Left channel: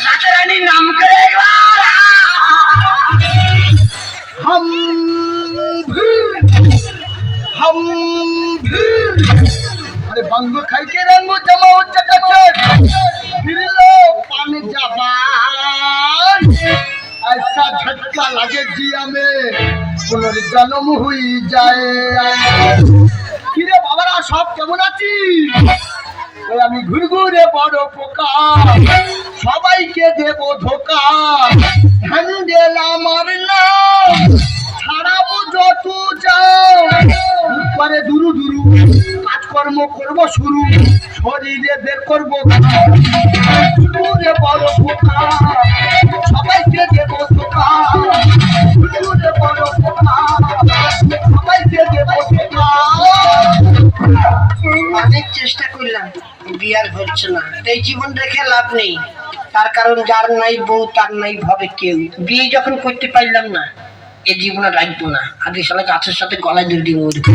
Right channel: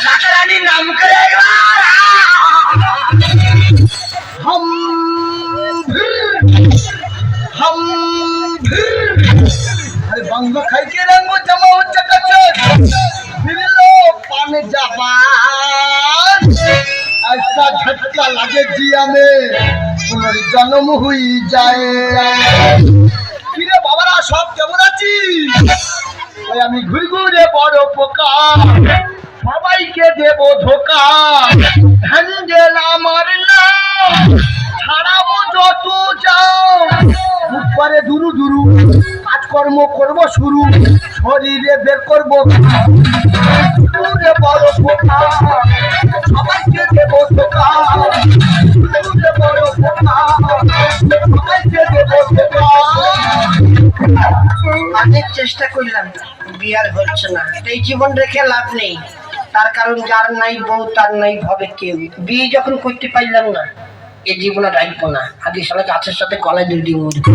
राजा रानी नाम करे हम हम अरे बंग खाई के रंग जमा हो चकाचक फिर लो पानी जापान ऐसा झटका लगे जिया में पुनर्जन्म हुई जाए किरे बाबारा सब केमन आছিস ওই আমি ঘুরে ঘুরে বড় পোকা সবাইকে দেব ধোকা হ্যান্ডেল আমার না ছাড়াবো যত যাও উপরে দুরু দুরু কাজকর্ম করব শুরু শরীরে বের করব ঘুরে বড় পোকা সবাইকে দেব ধোকা ঘুরে বড় পোকা সবাইকে দেব ধোকা অনেক চেষ্টা করলাম বিয়ার হচ্ছে না এই জীবন রেখে লাভ নেই তার কারণ যার নাই বউ তার নাই ভাবে কেউ বিয়ে যখন করতে পারলাম না এই জীবনে রাখবো না আগে শালা গাছের সাথে গলায় দড়ি দিয়ে মরবো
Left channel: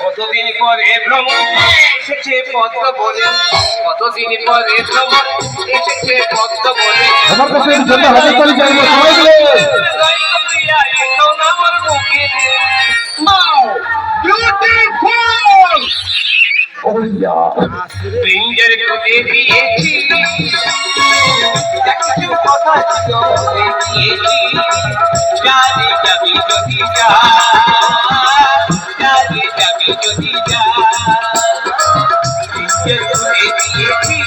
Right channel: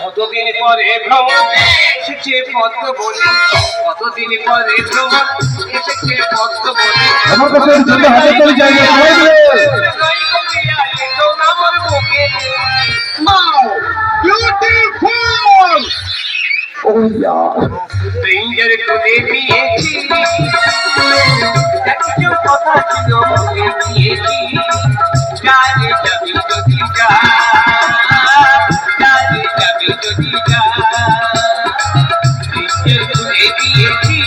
কতদিন পরে ভ্রমণ এসেছে পদ্ম বলে কতদিন পরে ভ্রমণ এসেছে পদ্ম বলে আমার কাছে জন্য হাতে করে যাই না সবাই মিলে আমার বুকে নাও বিউটিফুল ও ইয়া প্রিঞ্জের তুলে দিয়েছি একটু কথা ছিল দেখিয়েছি জানে যাবি যদি যা জানে যাবি যদি যা প্রিঞ্জের তুলে দিয়েছি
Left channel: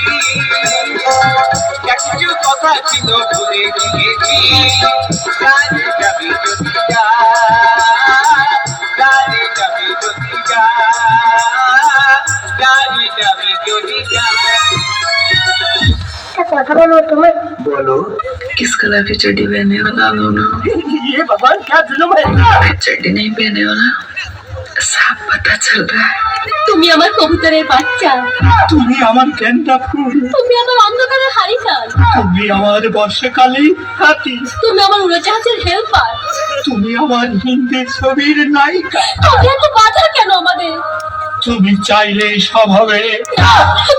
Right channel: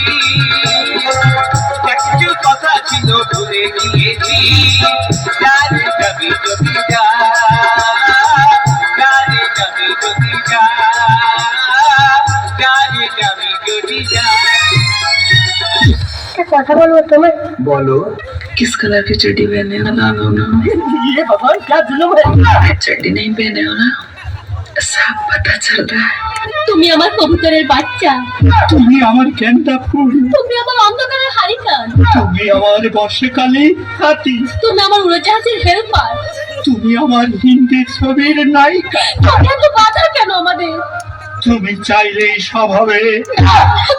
একটু কথা ছিল ভুলে গিয়েছি জানে যাবি যদি যা জানে যাবি যদি যা জানে যাবি যদি যা কথা বলবো তুমি बोलो किस कलर की चड्डी पहनने वाला हो ना ये बाबा क्या जुल्म है चड्डी नहीं पहने वाला सब पता चल रहा है তুমি আমার কবুতরের বাচ্চা, তুমি আমার গেন্দা ফুল, তুমি আমার অন্ধকারের হারিকেন, তুমি আমার বর্ষাকালে হাতি, তুমি আমার উড়োজাহাজের হেল্পার, তুমি আমার হিন্দি ছবির নায়িকা। তুমি এত বাধা কেন আমাদের? তুমি চাইলেই সব হবে।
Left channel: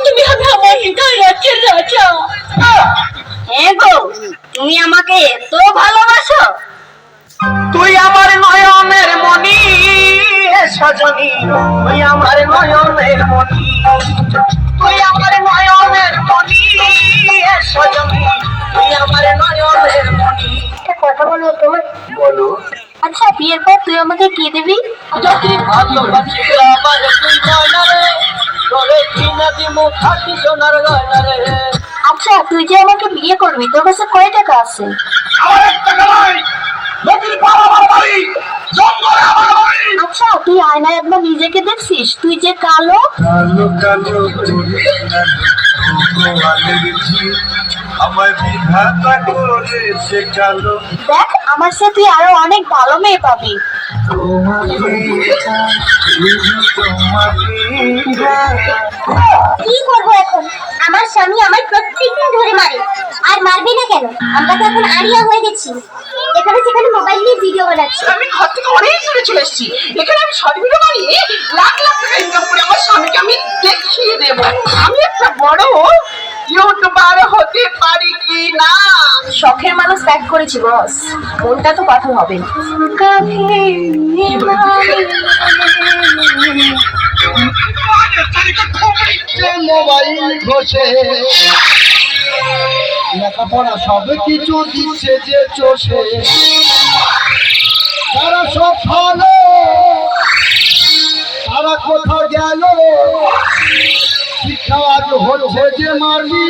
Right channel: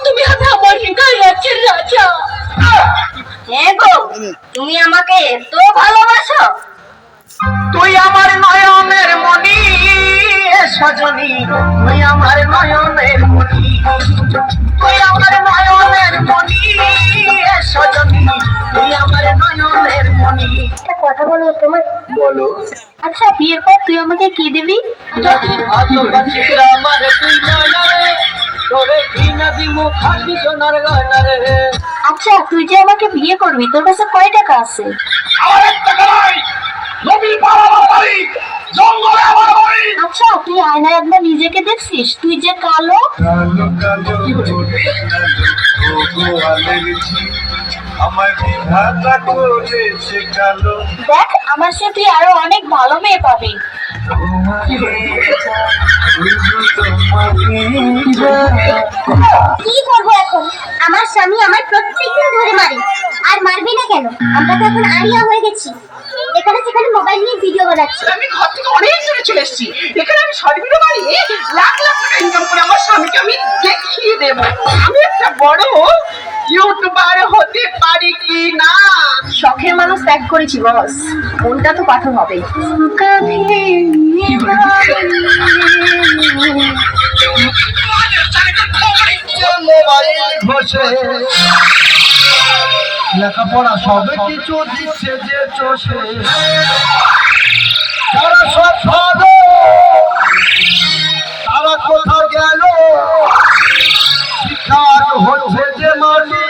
তুমি হবে আমার হৃদয় রাজ্যের রাজা। গো তুমি আমাকে এত ভালোবাসো? তুই আমার নয়নের মণি সজনী, তুই আমার নয়নের মণি, তুই আমার নয়নের মণি সজনী, তুই আমার নয়নের মণি। কথা বলবো তোমার? বলো। আচ্ছা বিয়ের পর তুই আমাকে কি দিবি? যদি ভালোবাসিস আমার তুই না রে, তোরে ঘৃণা দিমু খাঁটি সোনার গয়না রে। আচ্ছা তুই যে আমাকে বিয়ে করবি, তোর কাছে কয় টাকা আছে? আমার টাকা নাই, নদীর পার আমার বাড়ি, জঙ্গলে আমার বাড়ি। আচ্ছা তুই আয়নায় একবার নিজেকে দেখছিস? তুই যে কালো। কালো কালো আমার বিধাতা করেছে কালো। দেখ আমার সাথে তুই আরো অনেক ভালো মেয়ে পাবি। কি করবো এখন? আমার স্বামী আমার প্রত্যেকদিন ধরে মারে। আর মারবে না কেন? আমরা তো এখন আরিয়া হয়ে গেছি, এখানে সেখানে মোবাইল নিয়ে ভিডিও বানাচ্ছি। আমি ঘর থেকে অনেক দূরে চলে এসেছি, এখানে আমি শর্ট ভিডিও বানিয়ে লাখ লাখ টাকা ইনকাম করে আমার স্বামীকে আমি দেখিয়ে দেবো আমি একটা বড় ইউটিউবার হতে পারি কি না। শখের মানুষ ত্যাগ করেছি বস, মনটা তো পাথর হবে। মোবাইল ঘষে লেখাপড়া সব কিছু দিচ্ছে যে চষে, যারা সব ভালো তারা কোথা গেল, শিক্ষা আজ হচ্ছে যে মালি।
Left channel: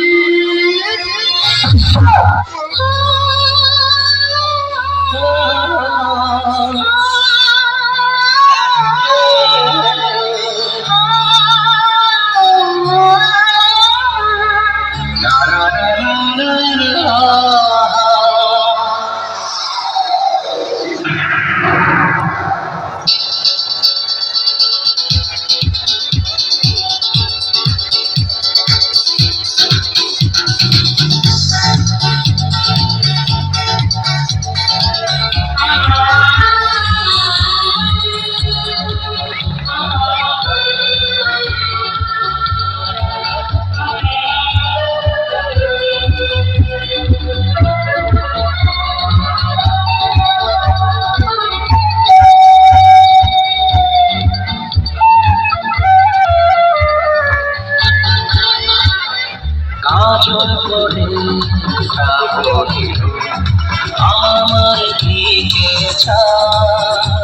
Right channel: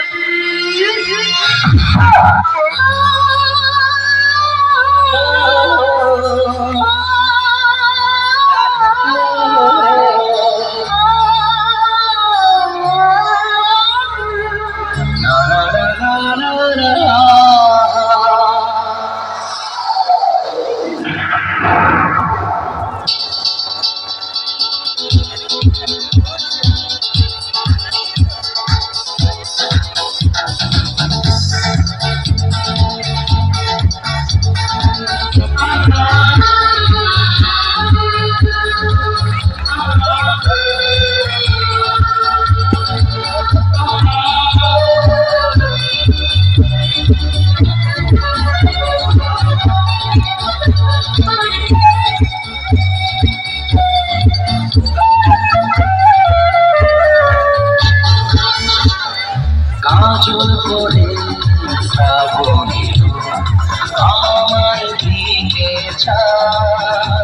আমার